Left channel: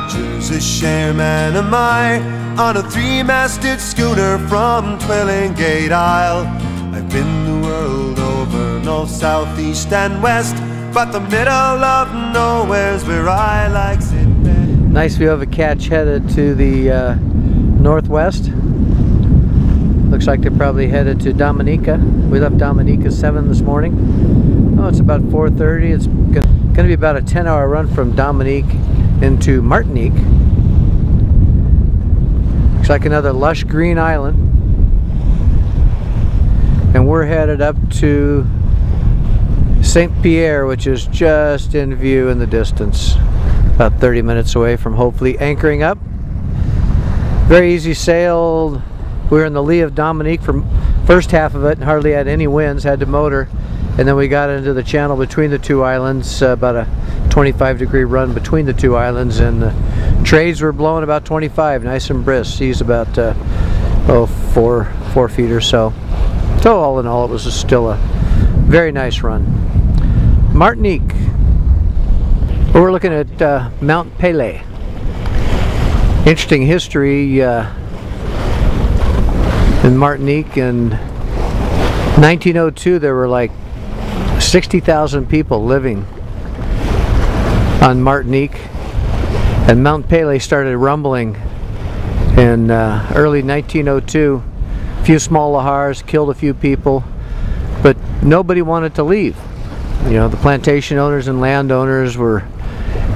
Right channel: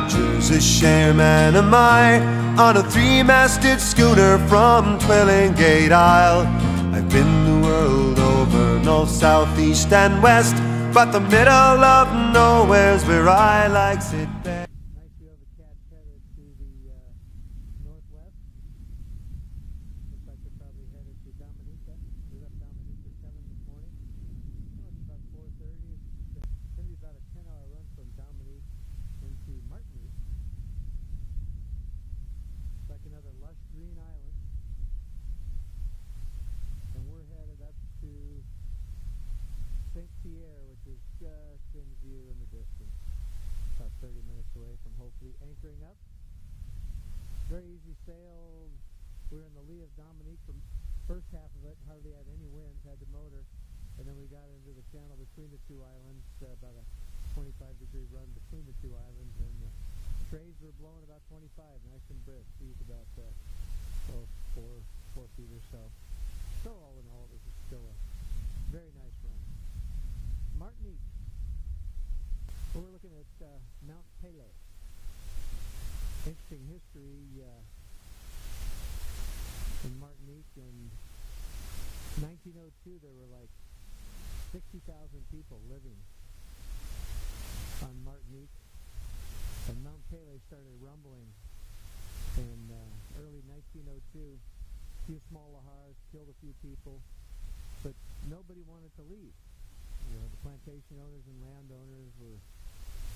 Rogers, a chairman am I, on a three-masted schooner from Twillingate Isle. I've been the world over, north, south, east and west, but the middle of nowhere's where I likes it best. Nice view of a catch headed to the northwest. Looks like they're probably headed to Dominica. We left Dominica at 7 this morning. Oh, it's about 4:30. It's going to be about a 10-hour run from Dominique into Martinique. Looks like another lush green island. And we're headed up to St. Pierre, which is just in view in the distance. About 30 minutes away from hopefully anchoring up. Very easy sailed. We were in the lee of Dominique for first half of it and hardly had any winds, had to motor. And then we got into the channel between the two islands, about a 25-degree run between the two islands, and the trades were blowing about 25, nice and brisk. Seas about 4 feet or so. So all in all, it was still a very nice run. Martinique. We're looking at Mount Pelée. Interesting history in Martinique. In 1902, there were like 60,000 people living on Martinique, and Mount Pelée started rumbling in early 1902. A few small lahars killed a few people, but nobody wanted to leave. You know, the plantation owners and landowners were,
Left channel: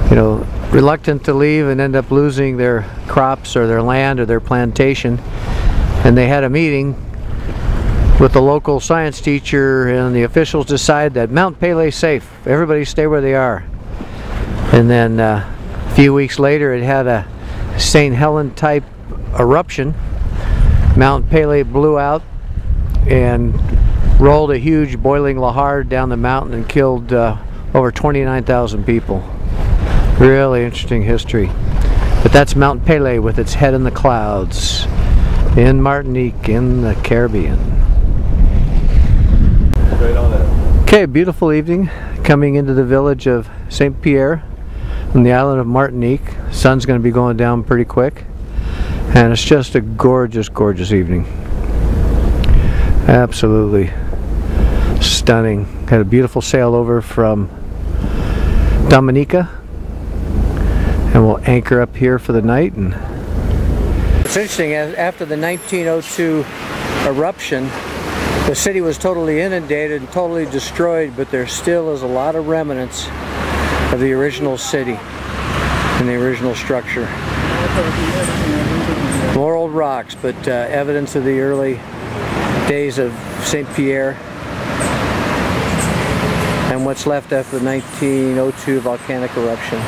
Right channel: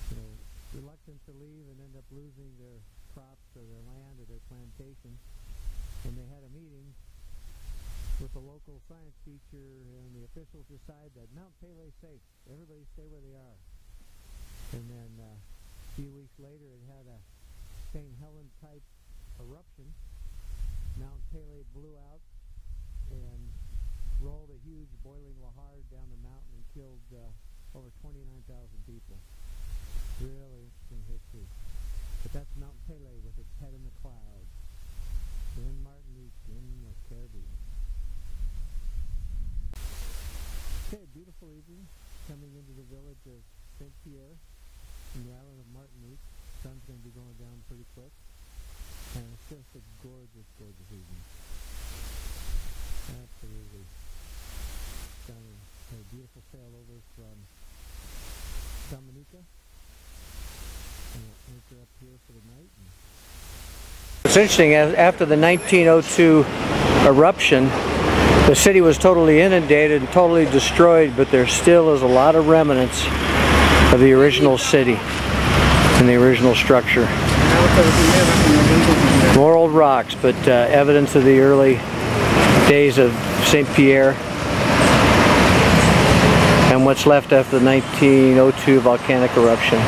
you know, reluctant to leave and end up losing their crops or their land or their plantation. And they had a meeting with the local science teacher, and the officials decided that Mount Pelée is safe. Everybody stay where they are. And then a few weeks later, it had a St. Helen type eruption. Mount Pelée blew out and rolled a huge boiling lahar down the mountain and killed over 29,000 people. Really interesting history. But that's Mount Pelée with its head in the clouds in Martinique in the Caribbean. Right on it. Okay, beautiful evening coming into the village of St. Pierre on the island of Martinique. Sun's going to be going down pretty quick, and it's just a gorgeous, gorgeous evening. Absolutely stunning. Had a beautiful sail over from Dominica, and we'll anchor up here for the night. And it's interesting, after the 1902 eruption, the city was totally inundated and totally destroyed, but there still is a lot of remnants of the original city and the original structure. More old rocks, but evidence of the early days of St. Pierre and what's left after the 1902 volcanic eruption.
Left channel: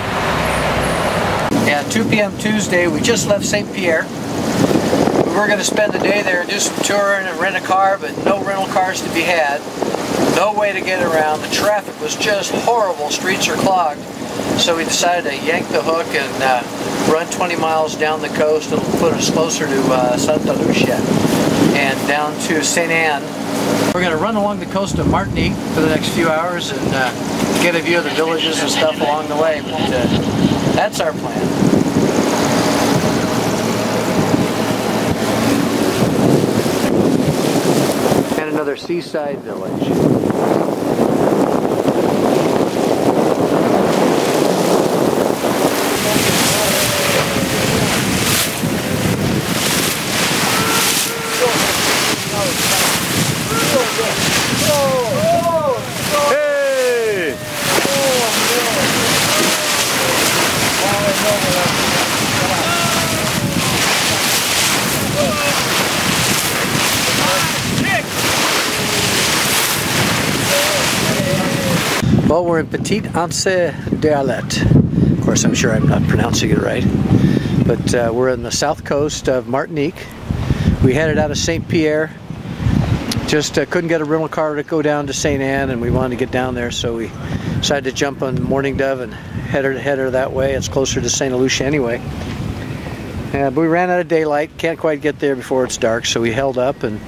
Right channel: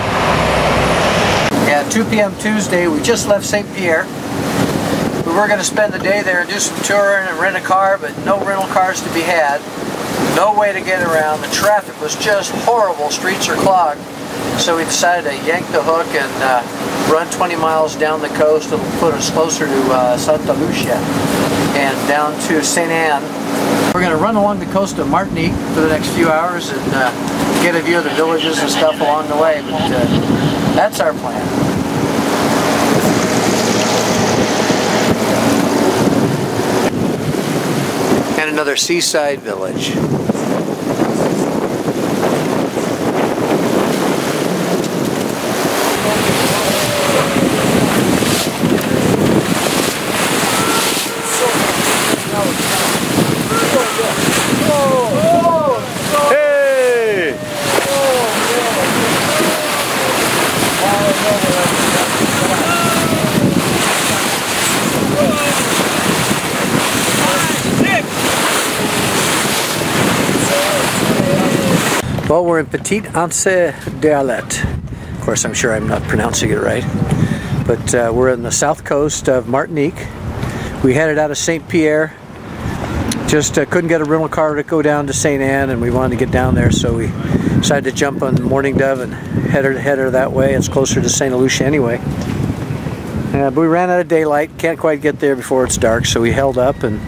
Yeah, 2 p.m. Tuesday, we just left St. Pierre. We were going to spend the day there and do some touring and rent a car, but no rental cars to be had. No way to get around. The traffic was just horrible. Streets are clogged. So we decided to yank the hook and run 20 miles down the coast. It'll put us closer to Santa Lucia and down to St. Anne. We're going to run along the coast of Martinique for the next few hours and get a view of the villages and stuff along the way. But that's our plan. And another seaside village. Well, we're in Petite Anse d'Arlet. Of course, I'm sure I'm not pronouncing it right. But we're on the south coast of Martinique. We headed out of St. Pierre. Just couldn't get a rental car to go down to St. Anne, and we wanted to get down there, so we decided to jump on Morning Dove and head her that way. It's closer to St. Lucia anyway. But we ran out of daylight, can't quite get there before it's dark, so we held up, and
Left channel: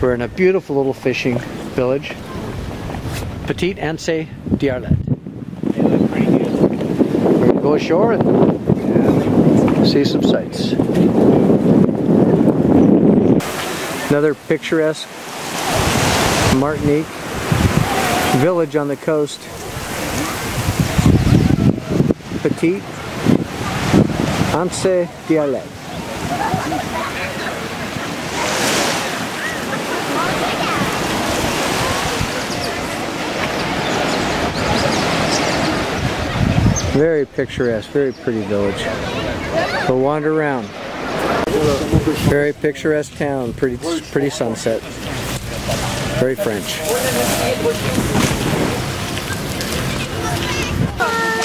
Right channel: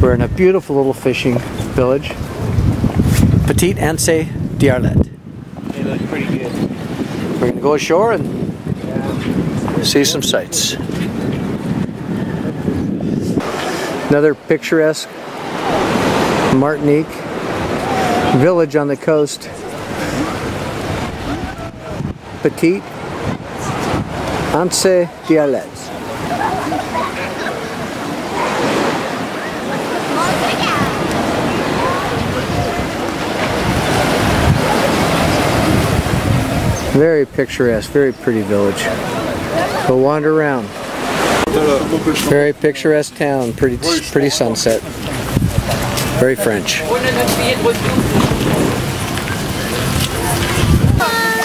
we're in a beautiful little fishing village. Petite Anse d'Arlet. Yeah, that's pretty good. We're going to go ashore and see some sights. Another picturesque Martinique village on the coast. Petite Anse d'Arlet. Very picturesque, very pretty village. We'll wander around. Very picturesque town, pretty sunset. Very French.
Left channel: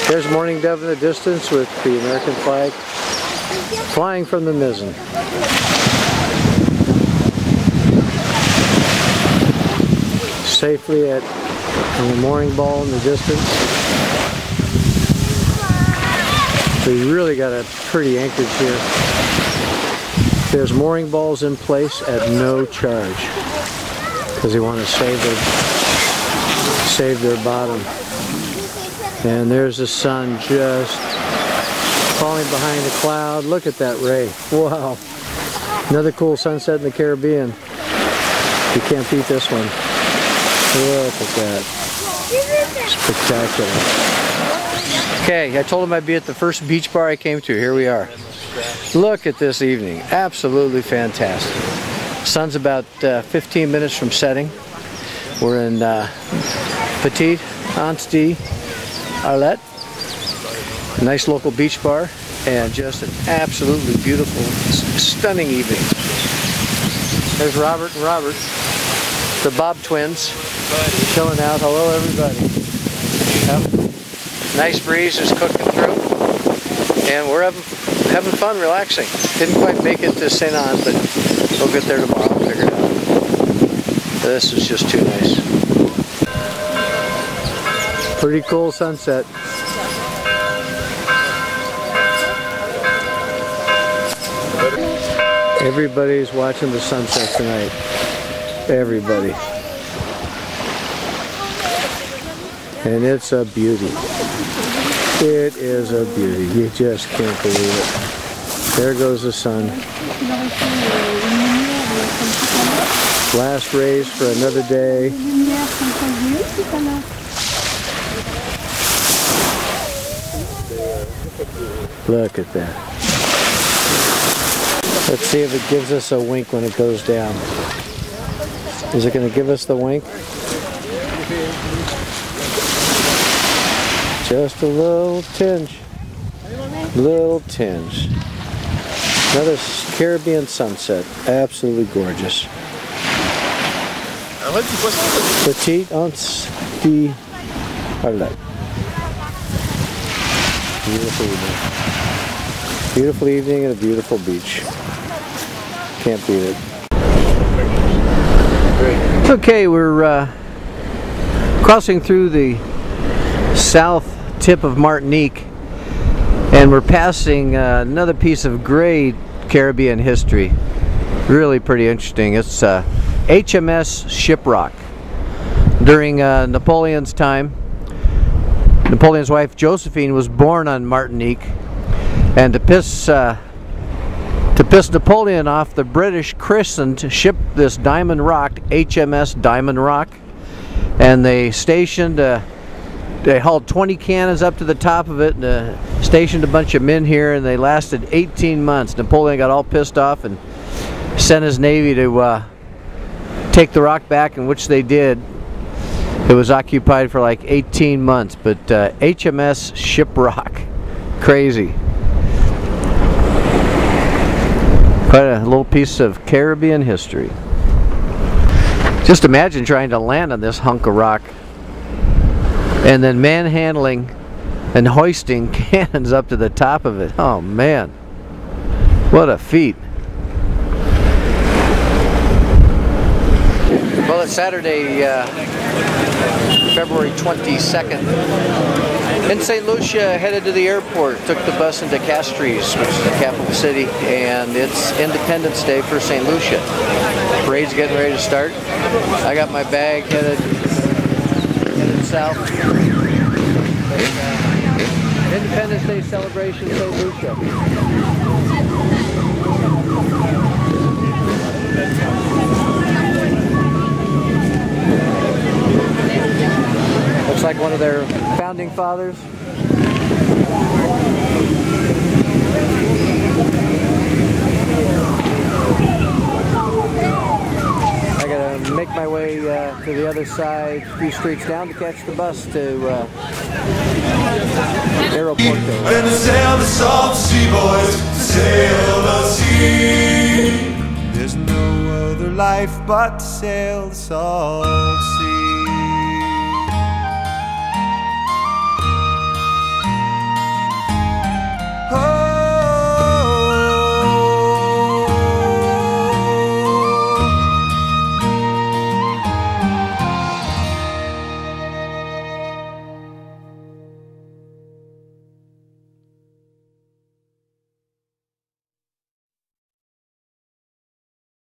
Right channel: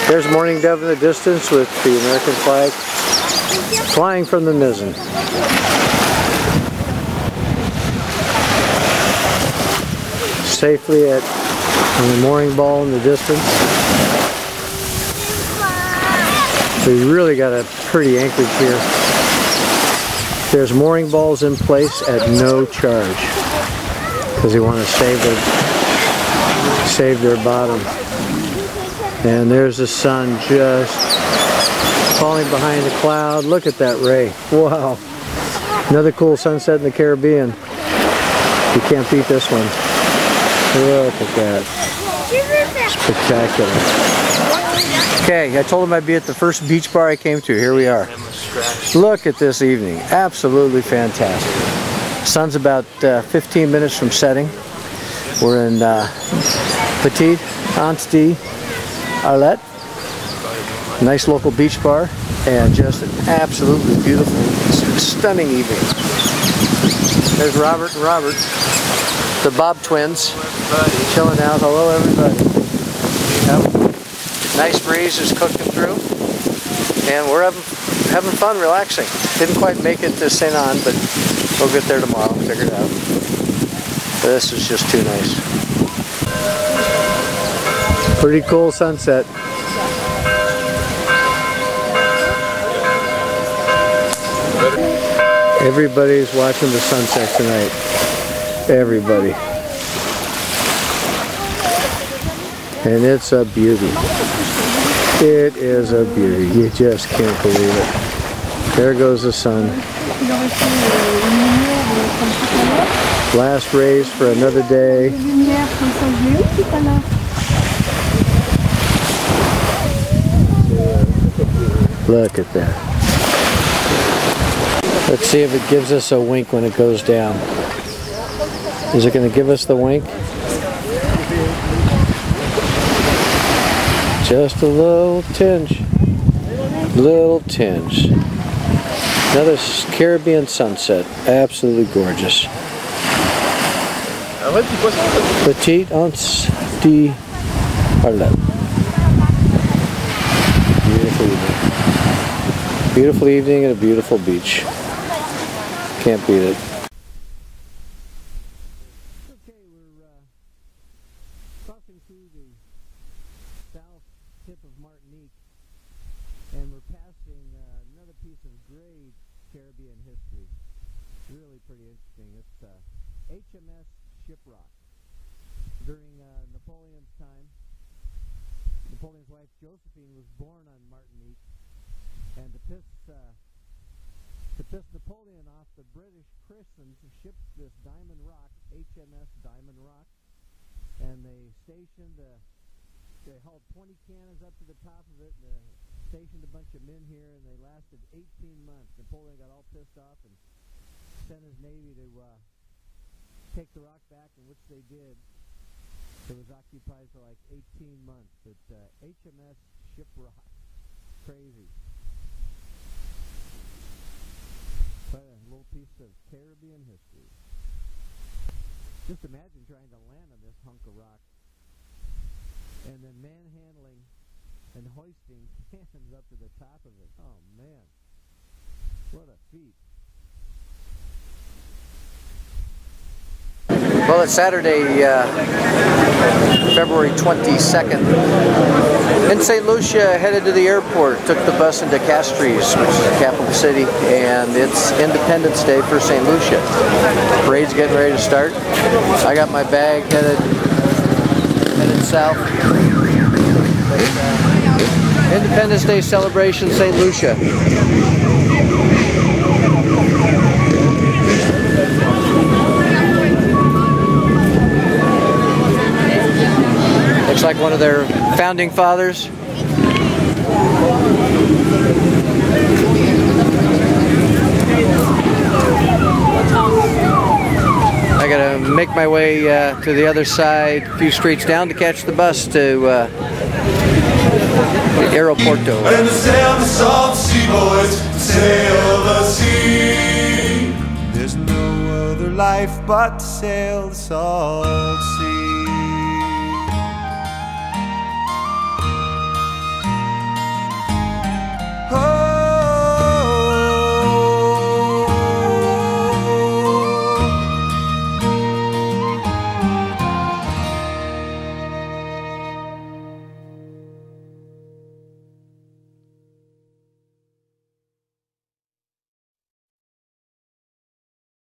There's Morning Dove in the distance with the American flag flying from the mizzen. Safely on the mooring ball in the distance. We really got a pretty anchorage here. There's mooring balls in place at no charge because they want to save their bottom. And there's the sun just falling behind the cloud. Look at that ray. Wow. Another cool sunset in the Caribbean. You can't beat this one. Look at that. Spectacular. Okay, I told him I'd be at the first beach bar I came to. Here we are. Look at this evening. Absolutely fantastic. Sun's about 15 minutes from setting. We're in Petite Anse d'Arlet. Nice local beach bar and just an absolutely beautiful, stunning evening. There's Robert and Robert, the Bob twins, chilling out. Hello, everybody. Yep. Nice breeze is cooking through, and we're having fun, relaxing. Didn't quite make it to St. Anne, but we'll get there tomorrow. Figure it out. This is just too nice. Pretty cool sunset. Everybody's watching the sunset tonight. Everybody. And it's a beauty. It is a beauty. You just can't believe it. There goes the sun. Last rays for another day. Look at that. Let's see if it gives us a wink when it goes down. Is it going to give us the wink? Just a little tinge. Little tinge. Another Caribbean sunset. Absolutely gorgeous. Petite Anse d'Arlet. Beautiful evening. Beautiful evening at a beautiful beach. Can't beat it. Okay, we're crossing through the south tip of Martinique, and we're passing another piece of great Caribbean history. Really pretty interesting. It's HMS Shiprock. During Napoleon's time, Napoleon's wife Josephine was born on Martinique, and to piss Napoleon off, the British christened ship this Diamond Rock HMS Diamond Rock, and they stationed they hauled 20 cannons up to the top of it and stationed a bunch of men here, and they lasted 18 months. Napoleon got all pissed off and sent his navy to take the rock back, in which they did. It was occupied for like 18 months, but HMS Shiprock. Crazy. Quite a little piece of Caribbean history. Just imagine trying to land on this hunk of rock and then manhandling and hoisting cannons up to the top of it. Oh man, what a feat. Well, it's Saturday, February 22nd. In St. Lucia, headed to the airport. Took the bus into Castries, which is the capital city, and it's Independence Day for St. Lucia. Parade's getting ready to start. I got my bag headed south. Independence Day celebration, St. Lucia. Looks like one of their founding fathers. I gotta make my way to the other side, a few streets down to catch the bus to Aeroporto. And to sail the salt sea, boys, to sail the sea. There's no other life but to sail the salt sea.